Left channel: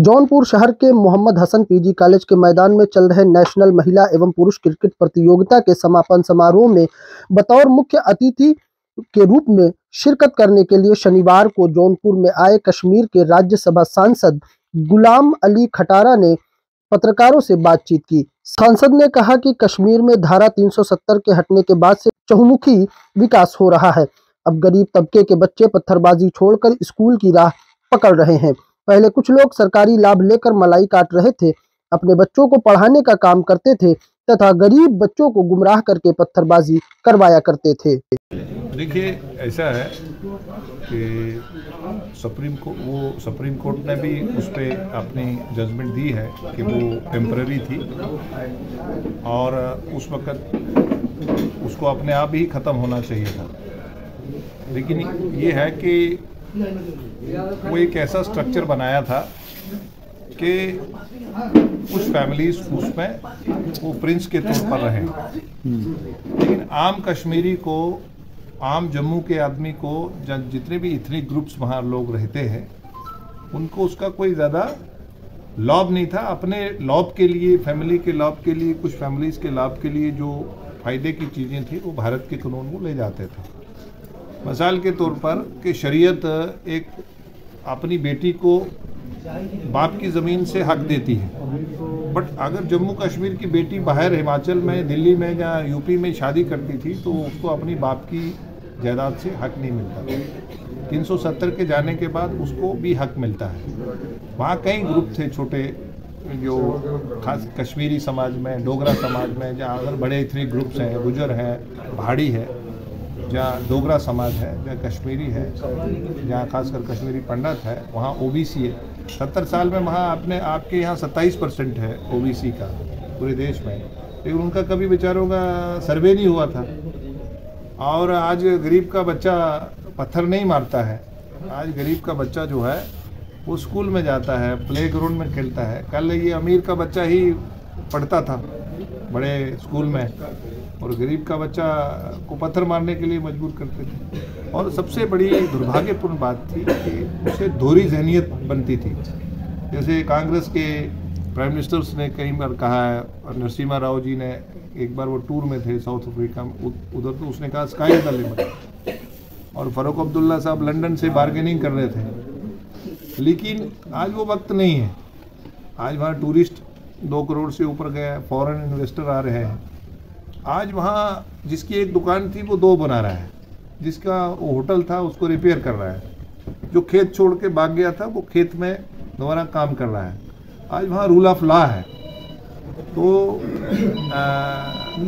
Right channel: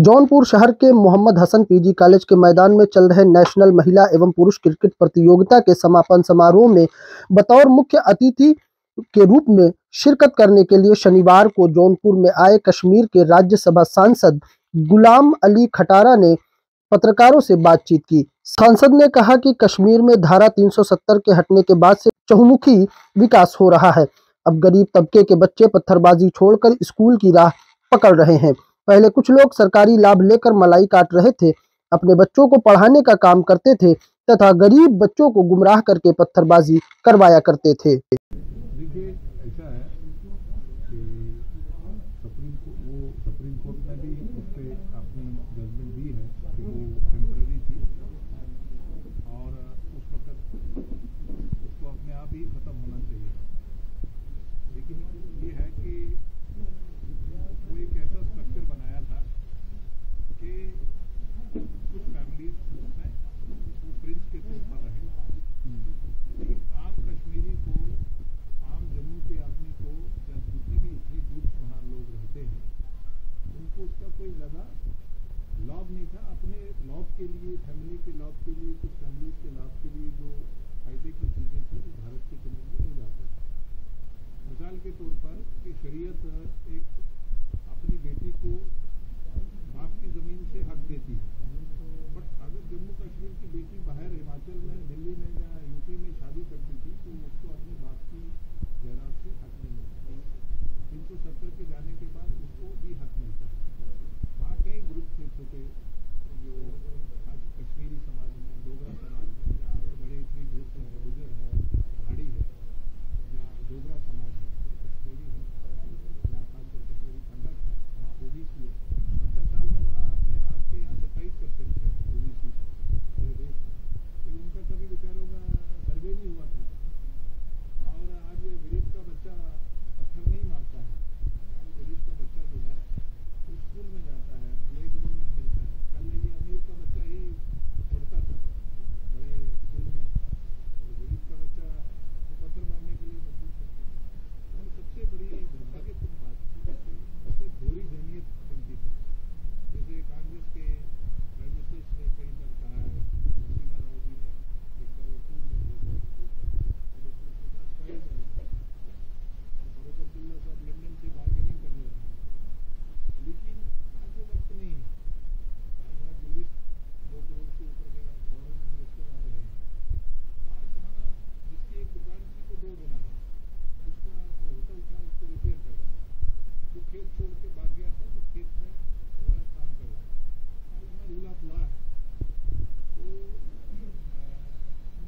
जौनपुर शहर के Mohammad Hasan PG college के मैदान में चल रहे नेशनल महिला एवं पुरुष क्रिकेट प्रतियोगिता के समापन समारोह में बतौर मुख्य अतिथि के रूप में शिरकत करने के लिए शनिवार को जौनपुर में आए कश्मीर के राज्यसभा सांसद गुलाम अली खटारा ने पत्रकारों से बातचीत की। सांसद ने कहा कि कश्मीर में धारा 370 के हटने के बाद से चहुमुखी विकास हो रहा है। अब गरीब तबके के बच्चे पत्थरबाजी छोड़कर स्कूल की राह पकड़ रहे हैं। पहले कुछ लोग सरकारी लाभ लेकर मलाई काट रहे थे, अपने बच्चों को पढ़ाने का काम करते थे तथा गरीब बच्चों को गुमराह करके पत्थरबाजी करवाया करते थे। देखिए, ऐसा है कि सुप्रीम कोर्ट ने भी उस पर अपनी जजमेंट दी है कि वो टेम्पररी थी और उस वक़्त उसको अपने आप ही ख़त्म होना चाहिए था। लेकिन ये है कि वो एक ऐसा स्ट्रक्चर बनाया था कि कुछ फैमिलीज उसमें वो प्रिंस के तौर पर रहे, लेकिन आम कश्मीरी को, आम जम्मू के आदमी को, जितने भी इथनिक ग्रुप्स वहाँ लोग रहते हैं, उनको उसका कोई ज़्यादा लाभ नहीं था। अपने लाभ के लिए, फैमिली के लाभ के लिए, कुछ फैमिलीज के लाभ के लिए जो फ़ायदे की चीज़ें थी वो भारत के कानून को ले जाते थे। मिसाल के तौर पर कि शरीयत एक अपनी बेटी को बाप की ज़मीन से हक देती है, बट अगर जम्मू कश्मीर की बेटी बाहर हिमाचल में, दिल्ली में या यूपी में शादी करती थी तो उसको अपनी बाप की जायदाद से हक नहीं मिलता। 370 के जाने के बाद उसको भी हक मिलता है। वहाँ कई ग्रुप थे छोटे, जो खास कश्मीरी समाज में, डोगरा समाज में, जहाँ अगर बड़े इतने ग्रुप्स हैं, गुजर हैं, पहाड़ी है, जहाँ डोगरा समाज है, जहाँ कश्मीरी है, जहाँ खासकर कश्मीरी पंडित है, वहाँ ओबीसी है। 70 साल में वहाँ आपके यहाँ 27% है ओबीसी का पूरे देश में, लेकिन उनका कभी बेचारों का सर्वे नहीं हुआ था। और आज गरीब का बच्चा पत्थर नहीं मारता है। आज गरीब का बच्चा जो है वो स्कूल में जाता है, प्ले ग्राउंड में खेलता है। कल ये अमीर का बच्चा ही पढ़ता था बड़े स्कूल में, और गरीब का बच्चा को पत्थर मारने के लिए मजबूर करते थे। और सबसे बड़ी दुर्भाग्यपूर्ण बात थी कि उसे दोहरी जहनियत बनती थी। जैसे कांग्रेस के प्राइम मिनिस्टर्स ने कई बार कहा है, और नरसिम्हा राव जी ने एक बार वो टूर में थे साउथ अफ्रीका में, उधर तो उसने कहा स्काई इज द लिमिट। और फारूक अब्दुल्ला साहब लंदन से बार्गेनिंग कर रहे थे, लेकिन आज वो वक्त नहीं है। आज वहाँ टूरिस्ट 2 करोड़ से ऊपर गए, फॉरेन इन्वेस्टर आ रहे हैं। आज वहाँ जिसकी एक दुकान थी वो 2 बना रहा है, जिसका वो होटल था उसको रिपेयर कर रहा है, जो खेत छोड़ के भाग गया था वो खेत में दोबारा काम कर रहा है। आज वहाँ रूल ऑफ लॉ है। तो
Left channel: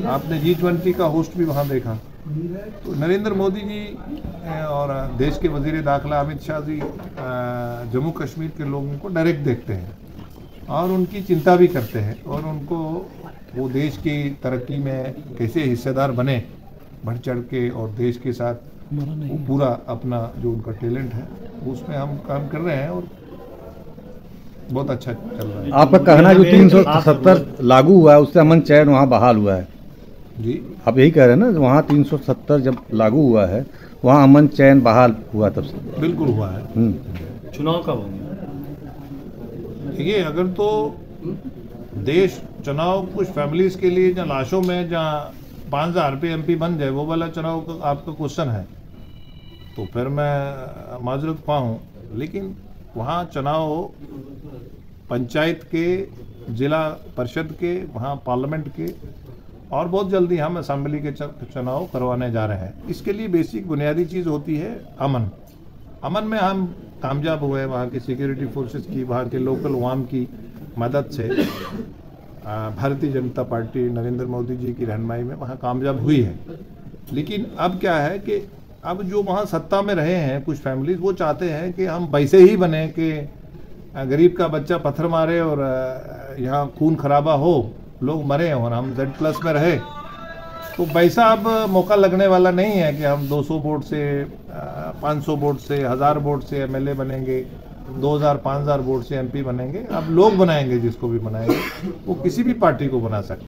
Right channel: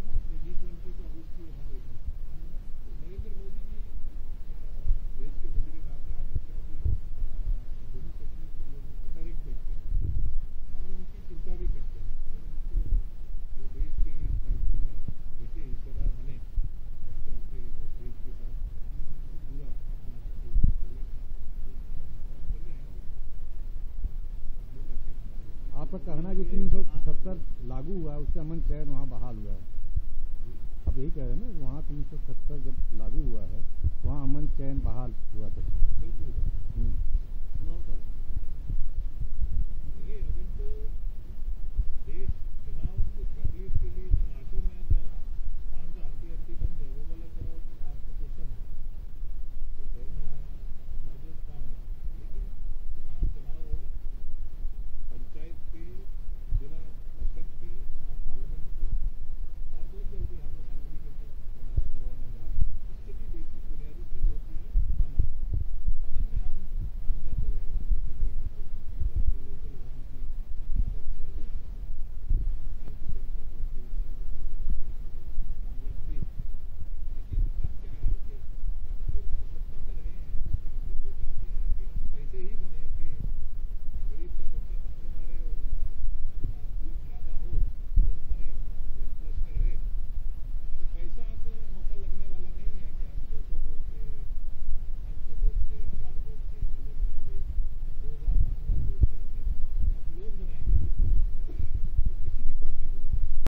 आपने G20 का होस्ट भी वहाँ देखा। तो नरेंद्र मोदी जी और देश के वजीर दाखिला अमित शाह जी जम्मू कश्मीर के लोगों को डायरेक्ट देखते हैं और उनकी चिंता भी करते हैं, और उनको वो देश की तरक्की में कैसे हिस्सेदार बने बढ़ चढ़ के, और देश के साथ वो पूरा अपना जो उनका टैलेंट है उसमें हम काम कर रहे हैं और बहुत अच्छा चल रहा है। आपका कहना जो 370 लागू हुआ है उससे अमन चैन वहाँ बहाल हुआ है जी? आप यही कह रहे हैं ना, वहाँ 370 जब लागू हुआ है वहाँ अमन चैन बहाल हुआ तब से? बिल्कुल हुआ है। चुनाव कब होंगे? देखिए, अगर तो देश चुनाव कुछ फैमिलीज के लिए जहाँ लाशों में, जहाँ 5000 रुपये MP बन जाए, वो वाला चुनाव का आपका क्वेश्चन है, तो फिर मैं माजरत पाऊँ। लेकिन वहाँ चुनाव पंचायत के, जिला परिषद के, वहाँ पार्लियामेंट के, और बहुत जल्दी हम असेंबली के चुनाव करवाने जा रहे हैं। इसके लिए बेसिक बुनियादी चीज़ होती है अमन। अमन में हम कामयाब हुए, वहाँ की सिक्योरिटी फोर्सेस की, वहाँ के लोकल अवाम की मदद से भारतीय जनता पार्टी नरेंद्र मोदी जी की रहनुमाई में वहाँ कामयाब हुई है। लेकिन अब क्या है कि अब जो वहाँ सत्ता में रहे हैं कुछ फैमिलीज, वो चाहते हैं कि हम वैसे ही बने कि गरीब का बच्चा पत्थर मारे और यहाँ खून खराबा हो, लोग मरे और हम Z+ में रहे। तो वैसा अब मौका लगने वाला नहीं है कि हम 200 वोट से, 500 वोट से, 1000 वोट से MLA बनेंगे, 2000-5000 वोट से MP बनेंगे। अब लोग बनाएंगे, जिसको भी बनाएंगे वो किसी भी पार्टी को बना सकते।